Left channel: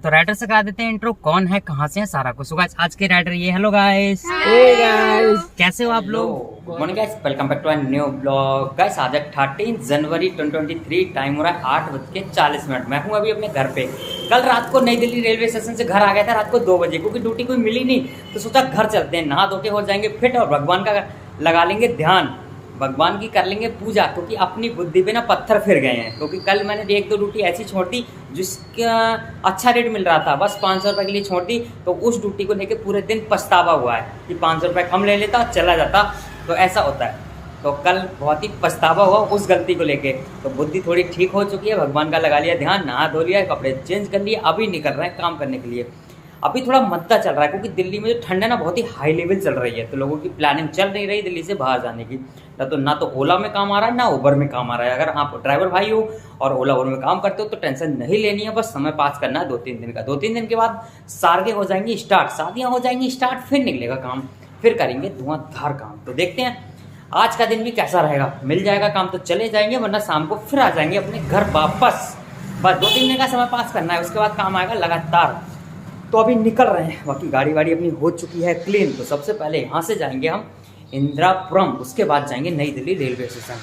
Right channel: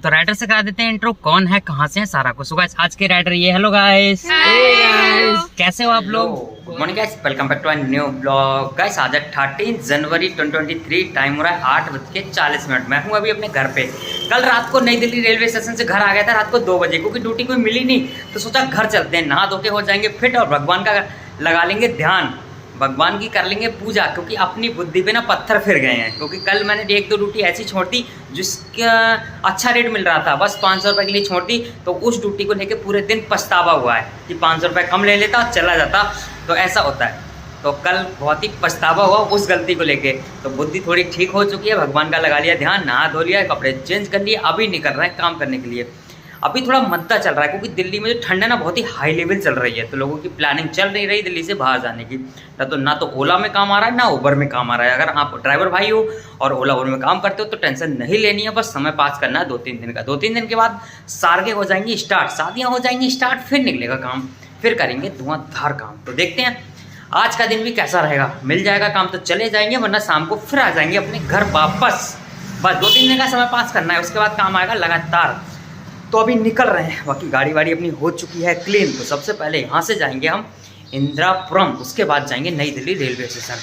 तो राइडर से करा देते हैं इंट्रो, कौन है, कहाँ से है, सारा कुछ। गाइस आज के राइडर ये। हेलो गाइस, कैसे हो आप लोग? Good morning guys, welcome back to our new blog. Guys आज 13 जनवरी 2023, टाइम हो रहा है 8:40। मैं हूँ अभी अपने घर पे। कल रात को नई दिल्ली रेलवे स्टेशन से घर आ गया था रात को 2 बजे, क्योंकि ड्यूटी कोई मिली नहीं, तो सोचा घर चलते हैं, नहा धो के हो जाएंगे फिट और भगवान का लगा लेंगे ध्यान, भगवान की कर लेंगे पूजा, क्योंकि अपनी बुद्धि पे ना पत्थर फिर गए हैं। क्योंकि कल मैंने 1-2 ड्यूटी ऐसी छोड़ दी जिसका अच्छा रेट मिल रहा था, बस 500 रुपये के लिए छोड़ दी, तो उस ड्यूटी को लेके पूरे दिन पछतावा हुआ है कि 500 रुपये कम ले लेता और चला जाता, तो ऐसा होता है। तो कल बहुत ही पछतावा हुआ उस गलती को लेके। तो बुद्धि थोड़ी ठीक हो चुकी है, भगवान का लगा लिया ध्यान, नहा धो लिया, कपड़े चेंज कर लिए, अभी निकल रहे हैं काम करने के लिए। अभी थोड़ा मद्दा चल रहा है, क्योंकि दिल्ली में जो ठंड है ना बहुत ही हाई लेवल चल रही है, तो लोगों की प्लानिंग चल नहीं रही दिल्ली से बाहर जाने की। ना तो ओला में काम आ रहा है, ना उबर में काम आ रहा है। अगर आप ड्राइवर भाई हो और ओला उबर में काम करते हो तो टेंशन नहीं लेनी है, बस समय पास करना है 2-3 दिन का। 2-3 दिन के बाद सार्गे हो जाएंगी स्टार्ट, शादियाँ हो जाएंगी स्टार्ट, फिर निकलेगा काम, फिर करेंगे धुआंधार काम। तो देखते हैं आज का दिन भी कैसा रहेगा। मिल जाएगा काम तो चले जाएंगे, वरना शाम को फिर आ जाएंगे अपने घर वापस। बस 2-3 दिन का समय पास करना है, उसके बाद काम आएगा लगातार। तो अभी निकल रहे हैं, बाकी गाड़ी वाड़ी अपनी हो चुकी है क्लीन। तो सबसे पहले यहाँ से जाएंगे हम इंदिरापुरम, उसके बाद जाएंगे नई दिल्ली रेलवे स्टेशन।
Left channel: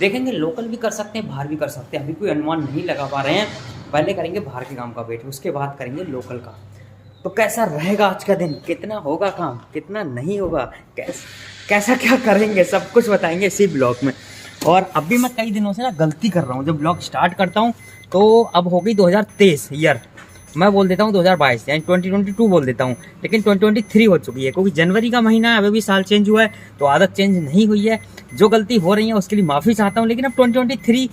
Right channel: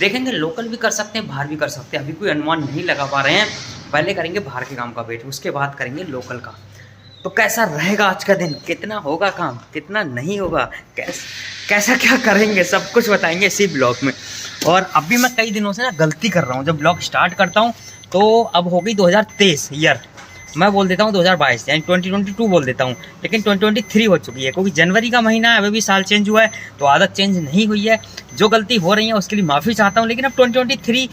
देखेंगे लोकल भी कर सकते हैं, बाहर भी कर सकते हैं, अभी कोई अनुमान नहीं लगा पा रहे हैं। पहले करेंगे बाहर के काम का वेट, उसके बाद करेंगे लोकल का। तो कैसा रहेगा आज का दिन, कितना होगा काम, कितना नहीं होगा, कैसा क्या करेंगे, सब कुछ बताएंगे इसी ब्लॉग में। और अभी मैं कई दिनों से ना गलती कर रहा हूँ, जब ब्लॉग स्टार्ट करता हूँ तो अब हो गई 2023 ईयर, मैं बोल देता हूँ 2022, यानी 2022 बोल देता हूँ, लेकिन 2023 हो चुकी है, क्योंकि जनवरी का महीना है, अभी भी साल चेंज हुआ है, तो आदत चेंज नहीं हुई है। जो गलती हो रही है उसके लिए माफ़ी चाहता हूँ, लेकिन अब 2023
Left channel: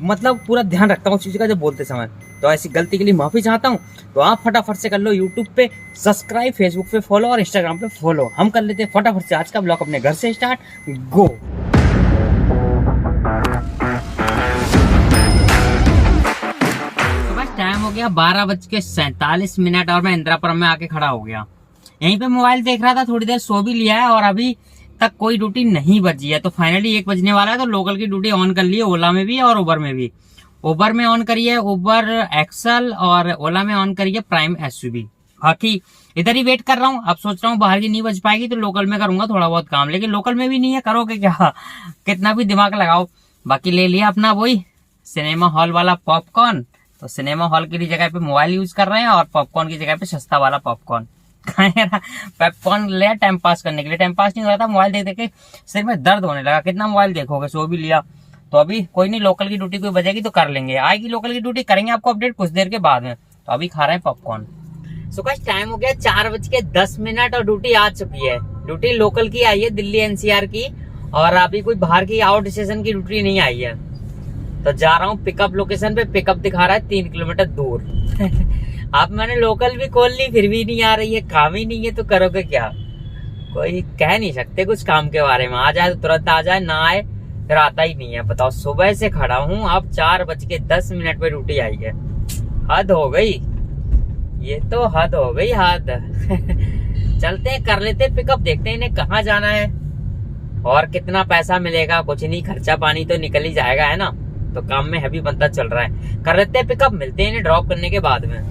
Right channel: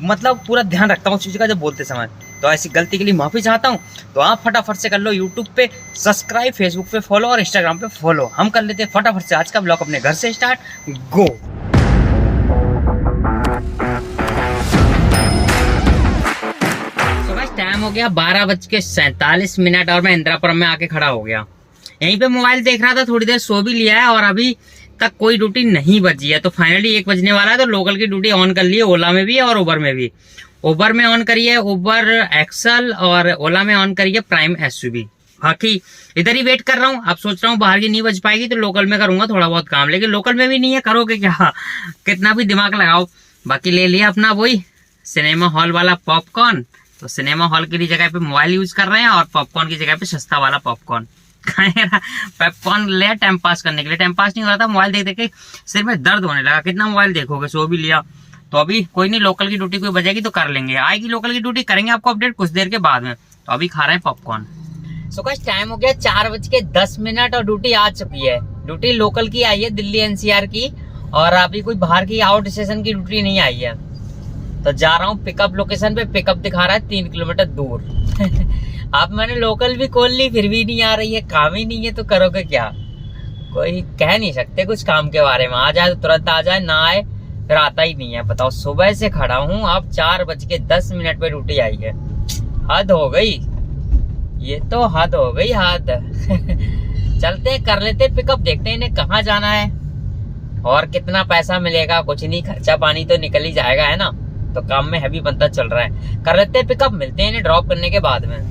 मतलब पूरा ध्यान रखता हूँ उस चीज़ का जब बोलते समय, तो ऐसी गलती के लिए माफ़ी चाहता हूँ। तो आप फटाफट से कर लो यूट्यूब पे सब्सक्राइब, फेसबुक पे फॉलो और इंस्टाग्राम पे फॉलो। हम कर लेते हैं फटाफट से आज का ब्लॉग अपने घर से स्टार्ट, गो। टाइम हो गया 12:47 और मैं इंदिरापुरम में आके खड़ा हो गया। यहीं पे मोबाइल देख रहा था, थोड़ी देर सो भी लिया है और अभी तक कोई ड्यूटी नहीं बची है। तो फाइनली 1 बजने वाला है, तो लोकल की ड्यूटी ऑन कर ली है, ओला में भी और उबर में भी। उबर में ऑन करी है उबर एक्सल और ओला में ऑन करी है प्राइम एसयूवी। बाकी इधर ही वेट कर रहा हूँ। अब सोच रहा हूँ बाहर की नहीं बच पाएगी तो लोकल में करूंगा थोड़ा बहुत काम, लेकिन लोकल में भी नहीं है, करोगे क्या, कितना भी दिमाग लगाओ। बाकी ले लिया अपना वही सिनेमा हॉल वाला पॉपकॉर्न, तो सिनेमा हॉल की जगह पे मोबाइल यूज कर रहे हैं और पॉपकॉर्न की जगह पे सस्ता वाला पॉपकॉर्न पॉपकॉर्न ले टाइम पास करने के लिए। टाइम पास नहीं हो रहा था, मोबाइल देख देख के सिर में दर्द होने लगा, कितना मोबाइल देखोगे, सो भी लिया। तो अभी कोई नहीं, लोकल की ड्यूटी कोई बजेगी तो कर लेंगे, आएगी लोकल की ड्यूटी, करेंगे आपको अपडेट कुछ देर के बाद में। तो अभी खा रहे हैं पॉपकॉर्न। सो गाइस टाइम हो गया 4:10 और ड्यूटी आ चुकी है। ड्यूटी लोकल की आई है, दिल्ली एनसीआर की, और अभी कोई बाहर की आउट स्टेशन की ड्यूटी नहीं आई है। तो जा रहा हूँ पिकअप लोकेशन पे, पिकअप दिखा रहा है 3 किलोमीटर दूर अब मैंने लोकल भी खोल ली, फिर भी नहीं आ रही है, काम ही नहीं है, तो करोगे क्या, कोई कह नहीं सकते कुछ काम के बारे में। आ जाए तो तुरंत आ जाए, ना आए फिर आता ही नहीं है। बताओ सुबह से खड़ा हूँ, अब 4:10 पे ड्यूटी आई है। हद हो गई, ये तो हद हो गई, हद चलते हैं, कर लेते पिकअप, देखते हैं इन्हें कहाँ जाना है और कितना पैसा मिलेगा। कुछ नहीं, खर्चा पानी तो निकल ही जाएगा, है ना। तो काम में हैवी बनता चल रहा है, कर लेते हैं पिकअप, मिलते हैं इन्हें ड्रॉप करने के बाद में।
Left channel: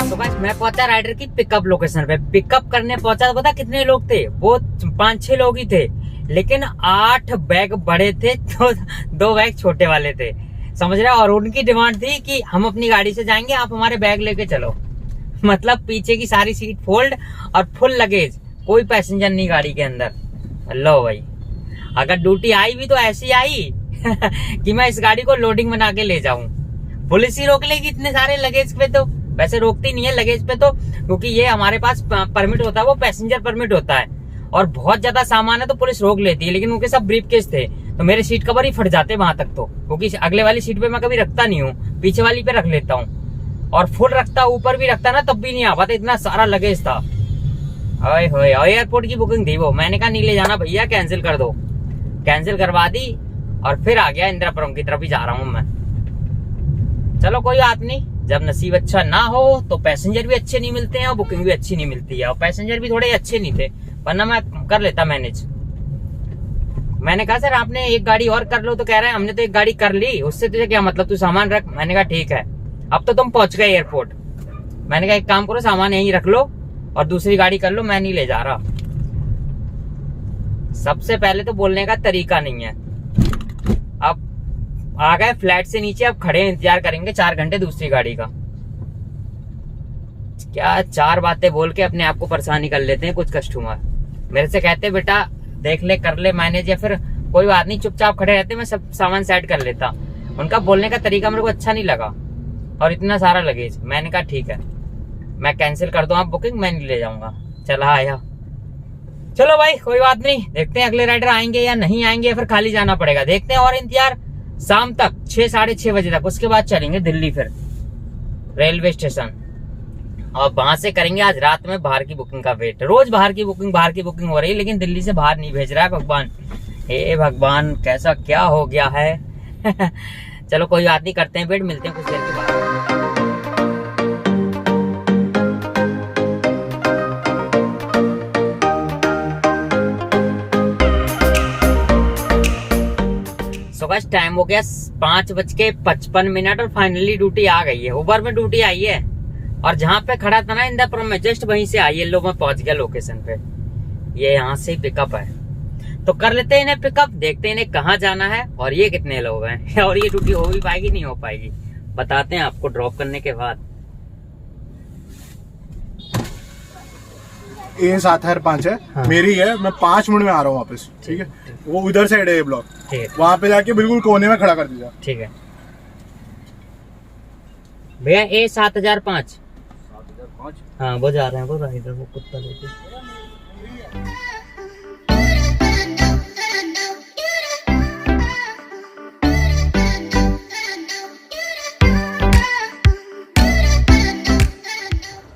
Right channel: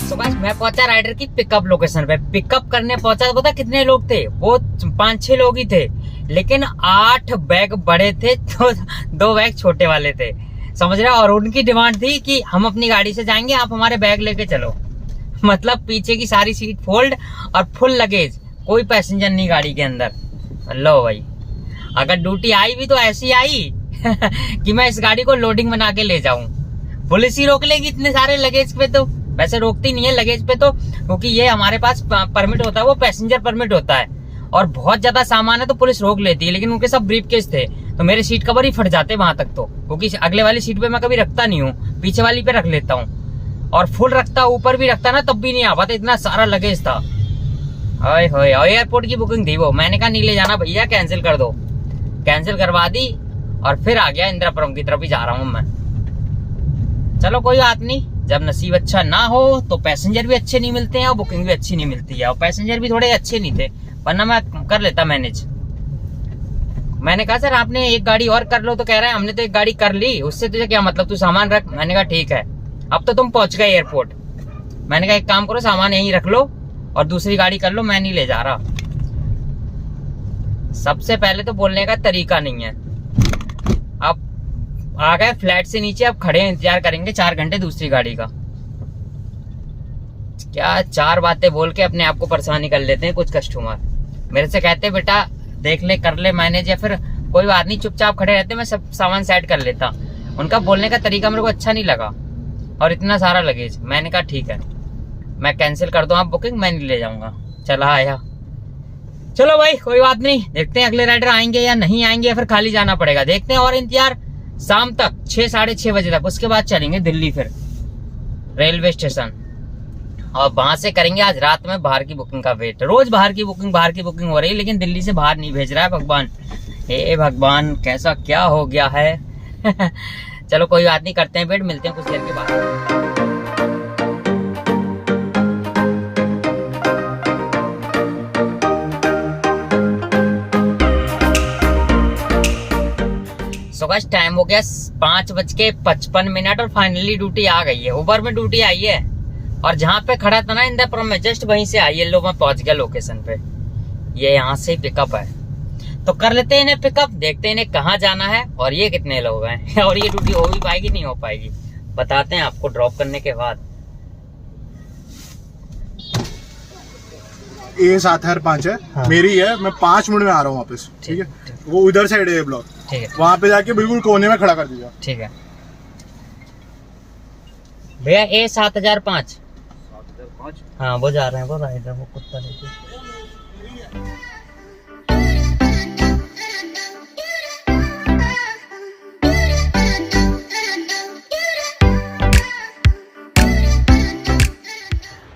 तो गाइस मैं पहुंचा राइडर की पिकअप लोकेशन पे। पिकअप करने पहुंचा, पता कितने लोग थे, वो 5-6 लोग ही थे, लेकिन 8 बैग बड़े थे तो 2 बैग छोटे वाले थे, समझ रहे हो। और उनकी डिमांड थी कि हम अपनी गाड़ी से जाएंगे, आप हमारे बैग लेके चलो। मतलब पीछे की सारी सीट फोल्ड और फुल लगेज, कोई पैसेंजर नहीं गाड़ी के अंदर। लो भाई, अगर ड्यूटी आई भी तो ऐसी आई कि मैं इस गाड़ी को लोडिंग बना के ले जाऊं, पुलिस ही रोक लेगी इतने सारे लगेज पे। तो वैसे रोकती नहीं है लगेज पे, तो क्योंकि ये हमारे पास परमिट होता है, वो पैसेंजर परमिट होता है, और बहुत ज्यादा सामान है तो पुलिस रोक लेती है। लेकिन उनके सब ब्रीफकेस थे, तो मेरे सीट कवर ही फट जाते वहां तक, तो क्योंकि अगले वाली सीट पे मैं कभी रखता नहीं हूँ, पीछे वाली पे रख लेता हूँ, और फुल रखता, ऊपर भी रखता ना, तब भी नहीं आ पाता, इतना सारा लगेज था। ओए होए, एयरपोर्ट की बुकिंग थी वो, मैंने कहा नहीं ले जाना भैया, कैंसिल कर दो। कैंसिल करवा दी और फिर आ गया इंदिरापुरम की तरफ ही जा रहा हूँ मैं। चलो कोई बात नहीं, जब नसीब अच्छा ना हो तो पैसेंजर भी अच्छे नहीं मिलते हैं और बुकिंग भी अच्छी नहीं मिलती है, और पैसेंजर भी थोड़े अच्छे नहीं थे, वरना मैं कर लेता मैनेज। मैंने कहा सर आपने एक गाड़ी और कर लो, तो कह रहे हैं हमने तो एक गाड़ी कर ली, उससे तुझे क्या मतलब, तू सामान रख। मैंने कहा ठीक है, अब तो तुम पहुंच गए एयरपोर्ट। मैंने कहा एक काम करो, सामान यहीं रख लो और दूसरी गाड़ी कर लो, मैं नहीं ले जा रहा। सबसे पहले तो बोलने का तरीका नहीं है। अब आ गए फ्लैट से नीचे, अब खड़े इंतजार करेंगे 4 घंटे दूसरी गाड़ी का। क्या 4 बातें बोल के अपने आप को परेशानी कर लेते हैं कुछ कस्टमर। मेरे से कहते बेटा देख ले, कर ले मैनेज, या फिर कोई बात नहीं चुपचाप खड़े रहते, मैं सब सामान सेट कर लेता। उनका बोलने का तरीका मेरे को अच्छा नहीं लगा, और इतना सारा लगेज। मैंने कहा ठीक है, मैं कैंसिल कर दूं आप बुकिंग, मैं नहीं ले जाऊंगा। चला आया, चलो भाई कोई बात नहीं, देखते हैं अगले राइडर आएंगे या नहीं आएंगे, या फिर खाली जाना पड़ेगा, देखते हैं। और इंतजार शाम तक 6 साढ़े 6 बजे तक, उसके बाद चलेंगे दिल्ली फिर रेलवे स्टेशन, और वहां से करेंगे आज रात में बाहर की बुकिंग का वेट। रोज बाहर की बुकिंग हो रही है, लेकिन दिल्ली से बाहर नहीं भेज रहा है भगवान। हे भगवान, कैसा क्या हो गया है। चलो कोई बात नहीं, करते हैं वेट, मिलते हैं कुछ देर के बाद। सो गाइस टाइम हो गया 5:55 और फाइनली ड्यूटी आ गई है। उबर में ड्यूटी आई है, और जहाँ पे खड़ा था ना इंदिरापुरम में, जस्ट वहीं से आई है। लो मैं पहुंच गया लोकेशन पे, ये यहाँ से पिकअप है, तो कर लेते हैं इन्हें पिकअप, देखते हैं इन्हें कहाँ जाना है और ये कितने लोग हैं, और ये ड्यूटी हो भी पाएगी नहीं हो पाएगी, बताते हैं आपको ड्रॉप करने के बाद। A7R5 है। हाँ। मेरी है, मैं 5 मिनट में आ रहा हूँ वापस। ठीक है, वो उधर साइड है ये ब्लॉक, ठीक है, वहाँ पे जाके बिल्कुल कोने में खड़ा कर दीजिए। ठीक है भैया। A7005। हाँ वो जा रहे हैं, वो राइडर, वो कुत्ता लेके।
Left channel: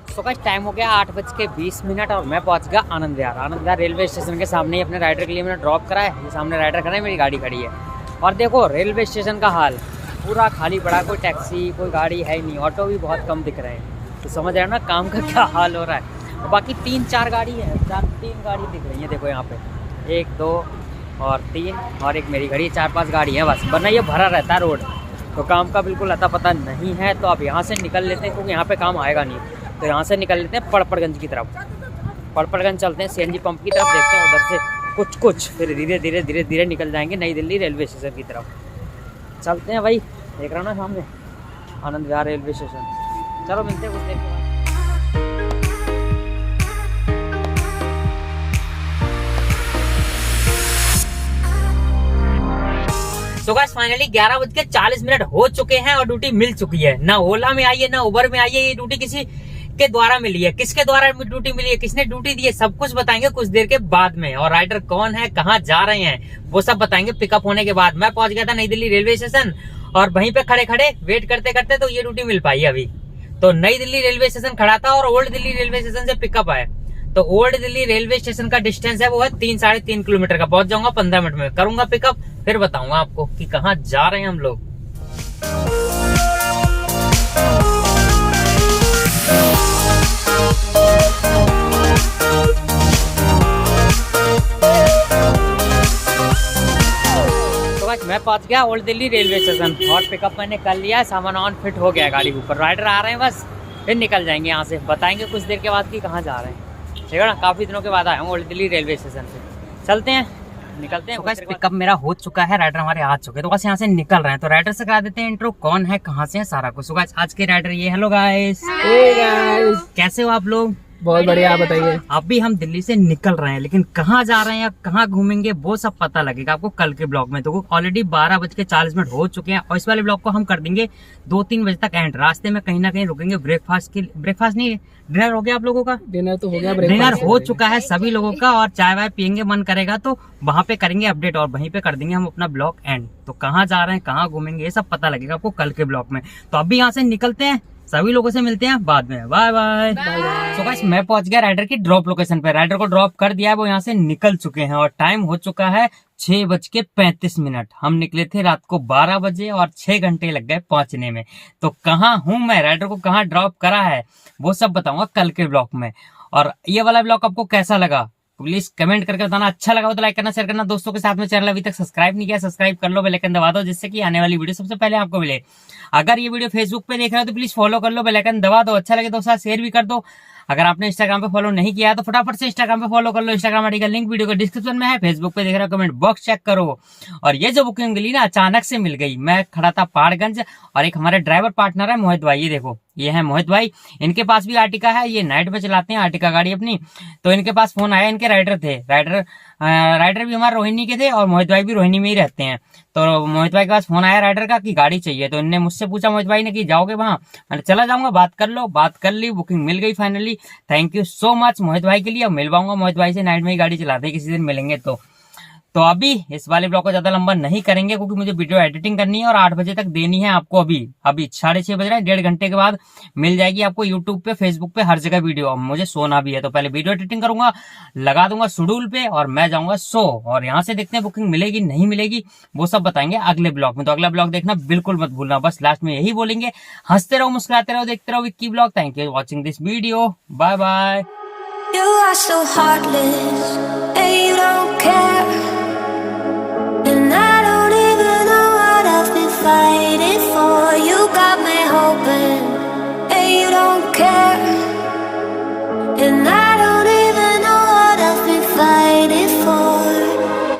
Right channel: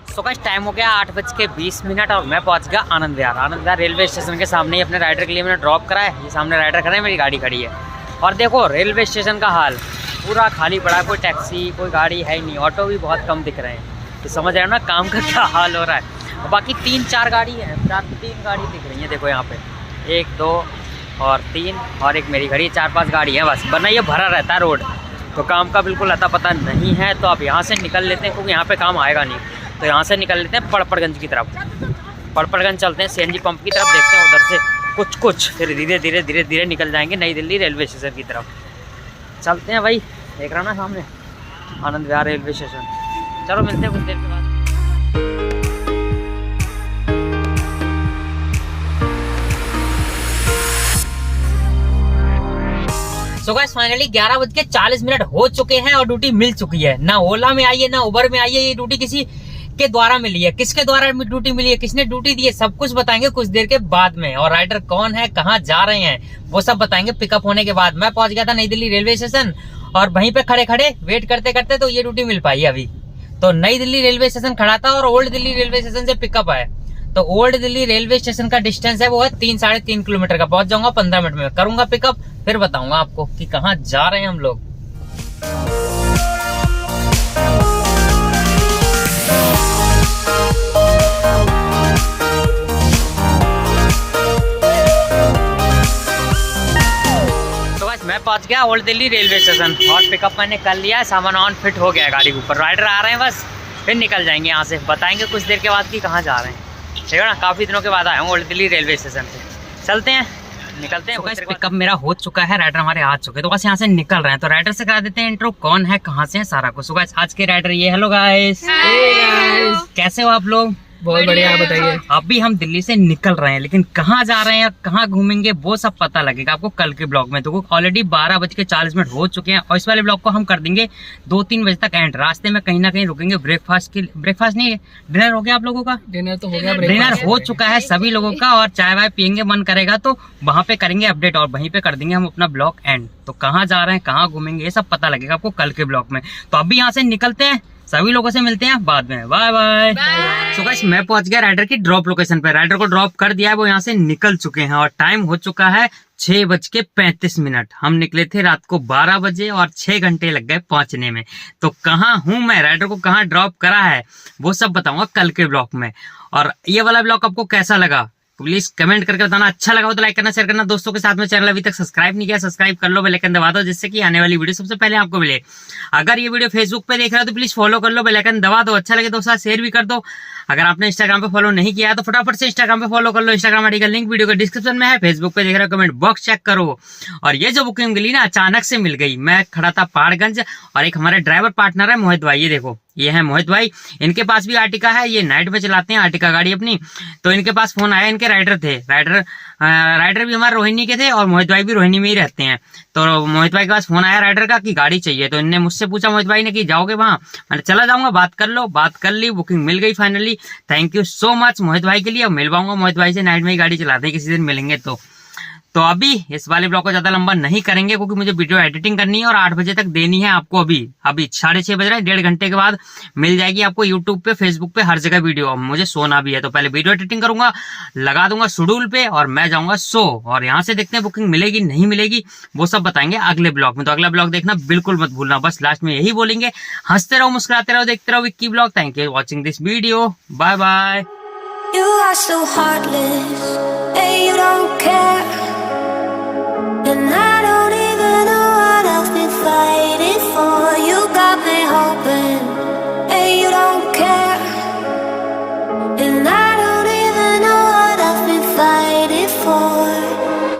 सो गाइस टाइम हो गया 8:20 और मैं पहुंच गया आनंद विहार रेलवे स्टेशन के सामने ही अपने राइडर के लिए मैंने ड्रॉप करा है। ये सामने राइडर खड़े हैं, मेरी गाड़ी खड़ी है, और देखो रेलवे स्टेशन का हाल पूरा खाली पड़ा, कोई टैक्सी कोई गाड़ी है ही नहीं, ऑटो भी बहुत कम दिख रहे हैं, तो समझ रहे हो ना काम का क्या हाल हो रहा है। और बाकी 3-4 गाड़ी है, 3 गाड़ी दिख रही है, देखो यहाँ पे 1 2 और 3 और एक मेरी गाड़ी, 4-5 गाड़ी है बस, वरना ये भरा रहता है रोड, तो काम का बिल्कुल अता पता नहीं है। तो अब यहाँ से निकल लेते हैं, क्योंकि यहाँ पे काम आएगा नहीं, तो यहाँ से निकल लेते हैं पड़पड़गंज की तरफ। पड़पड़गंज चलते हैं, CNG पंप की तरफ, देखते हैं उधर से कुछ फिर धीरे धीरे निकल जाएंगे नई दिल्ली रेलवे स्टेशन की तरफ। चलते हैं भाई, देख रहा ना सामने आनंद विहार रेलवे स्टेशन। चलो मिलते हैं कुछ देर के बाद। सो गाइस फाइनली 11:40 हो चुके हैं और ड्यूटी मिल चुकी है। ना ओला में आई है ना उबर में आई है, ये ड्यूटी किसी के द्वारा मिली है। किसके द्वारा ड्यूटी मिली है, किसने ड्यूटी दी है, सब कुछ बताएंगे कुछ देर के बाद में। और राइडर कौन है, कहाँ जा रहे हैं, वो सब बताएंगे पिकअप होने के बाद। मैं पहुंच गया था नई दिल्ली रेलवे स्टेशन, और वहीं पे खड़े खड़े वेट करते करते तो ये ड्यूटी मिल पाई अभी। तो नई दिल्ली रेलवे स्टेशन खड़ा था और ओल्ड दिल्ली रेलवे स्टेशन से पिकअप है। तो ओल्ड दिल्ली रेलवे स्टेशन का डिस्टेंस है वो है 3-3.5 किलोमीटर का। पहुंच जाऊंगा 15 मिनट में, करूंगा पिकअप, फिर बताऊंगा आपको कि कहाँ जा रहे हैं हम लोग। तो बस मैं पहुंच गया ओल्ड दिल्ली रेलवे स्टेशन, और पिकअप मैंने कर लिया है, सामान ऑन फिट हो गया गाड़ी के ऊपर। राइडर आ रहे हैं बस, फिर निकल जाएंगे यहाँ से, बताएंगे कुछ देर के बाद कि कहाँ जा रहे हैं। ठीक है ना, काफी दिनों के बाद आया हूँ ओल्ड दिल्ली रेलवे स्टेशन से। चलते हैं, निकलते हैं। तो पिकअप मेरा हो चुका है, राइडर हमारे आ चुके हैं, तो बस यहाँ से निकल रहे हैं। तो राइडर से करा देते हैं इंट्रो, कौन है कहाँ से है सारा कुछ। गाइस आज के राइडर ये, हेलो गाइस, कैसे हो आप लोग? बहुत बढ़िया, आप बताइए। अभी हम दिल्ली से निकल रहे हैं, लेकिन कहाँ जा रहे हैं, कहाँ घूमेंगे, वो सब पता लगेगा आपको कल के ब्लॉग में। तो ऑलरेडी 12:40 हो चुके हैं, और इस वाले ब्लॉग को हम कर देंगे 2-3 बजे तक एंड। रास्ते में कहीं ना कहीं रुकेंगे ब्रेकफास्ट नहीं, डिनर हो गया आप लोगों का? डिनर तो हो गया, डिनर हो चुका है सभी लोगों का, और चाय वाय पियेंगे, मन करेगा तो वहाँ पे करेंगे अपडेट, और वहीं पे कर देंगे हम अपना ब्लॉग एंड। तो कहाँ जा रहे हैं, कहाँ घूमेंगे, ये सब पता लगेगा आपको कल के ब्लॉग में। तो अभी यहाँ से निकलते हैं, सभी लोगों से मिलते हैं बाद में। Bye bye. सो गाइस मैं पहुंच गया राइडर की ड्रॉप लोकेशन पे, राइडर को ड्रॉप कर दिया है, वो यहाँ से निकल चुके हैं, और टाइम हो चुका है 6:35। हम निकले थे रात को 12 बजे और 6 घंटे लग गए पहुंचने में। तो कहाँ हूँ मैं, राइडर को कहाँ ड्रॉप करा है, वो सब बताऊंगा कल के ब्लॉग में। और ये वाला ब्लॉग आपको कैसा लगा प्लीज कमेंट करके बताना, अच्छा लगा हो तो लाइक करना, शेयर करना दोस्तों के साथ में। चैनल अभी तक सब्सक्राइब नहीं किया, सब्सक्राइब कर लो, बेल आइकन दबा दो, जिससे कि आने वाली वीडियो सबसे पहले आपको मिले। अगर ये वीडियो फेसबुक पे देख रहे हो तो प्लीज फॉलो कर लो, बेल आइकन दबा दो, अच्छा लगे दोस्तों शेयर भी कर दो। अगर आपने इंस्टाग्राम पे फॉलो नहीं किया है तो फटाफट से इंस्टाग्राम पे फॉलो कर लो, इंस्टाग्राम आईडी का लिंक वीडियो के डिस्क्रिप्शन में है। फेसबुक पे देख रहे हो कमेंट बॉक्स चेक करो। और ये जो बुकिंग मिली ना अचानक से मिल गई, मैं खड़ा था पहाड़गंज और एक हमारे ड्राइवर पार्टनर है मोहित भाई, ये देखो ये है मोहित भाई, इनके पास भी आर्टिका है, ये नाइट में चलाते हैं आर्टिका गाड़ी अपनी। तो इनके पास फोन आया, इनके राइडर थे, राइडर भी हमारे रोहिणी के थे और मोहित भाई भी रोहिणी में ही रहते हैं। तो मोहित भाई के पास फोन आया राइडर का कि गाड़ी चाहिए, तो इनने मुझसे पूछा मोहित भाई ने कि जाओगे वहां, मैंने चला जाऊंगा, बात कर लो, बात कर ली, बुकिंग मिल गई finally. Thank you so much Mohit भाई के लिए। मिल पाऊंगा मोहित भाई से, नाइट में ही गाड़ी चलाते हैं, किसी दिन मिलेंगे। तो अभी इस वाले ब्लॉग को ज्यादा लंबा नहीं करेंगे क्योंकि मुझे वीडियो एडिटिंग करनी है और 8 बजे तक देनी है आपको। अभी 6:30 बज रहे हैं, 1.5 घंटे के बाद मिल जाएगी आपको यूट्यूब पे, फेसबुक पे, हर जगह वीडियो। अब मुझे सोना भी है तो पहले वीडियो एडिटिंग करूंगा, लगा दूंगा शेड्यूल पे और मैं जाऊंगा सो। और यहाँ से देखते हैं बुकिंग मिलेगी नहीं मिलेगी, वो सब बताएंगे अगले ब्लॉग में। तो अगला ब्लॉग देखना बिल्कुल मत भूलना। बस लास्ट में यही बोलेंगे, हंसते रहो, मुस्कुराते रहो, देखते रहो Vicky blog. Thank you watching this video, bye bye. You are so heartless, and you don't care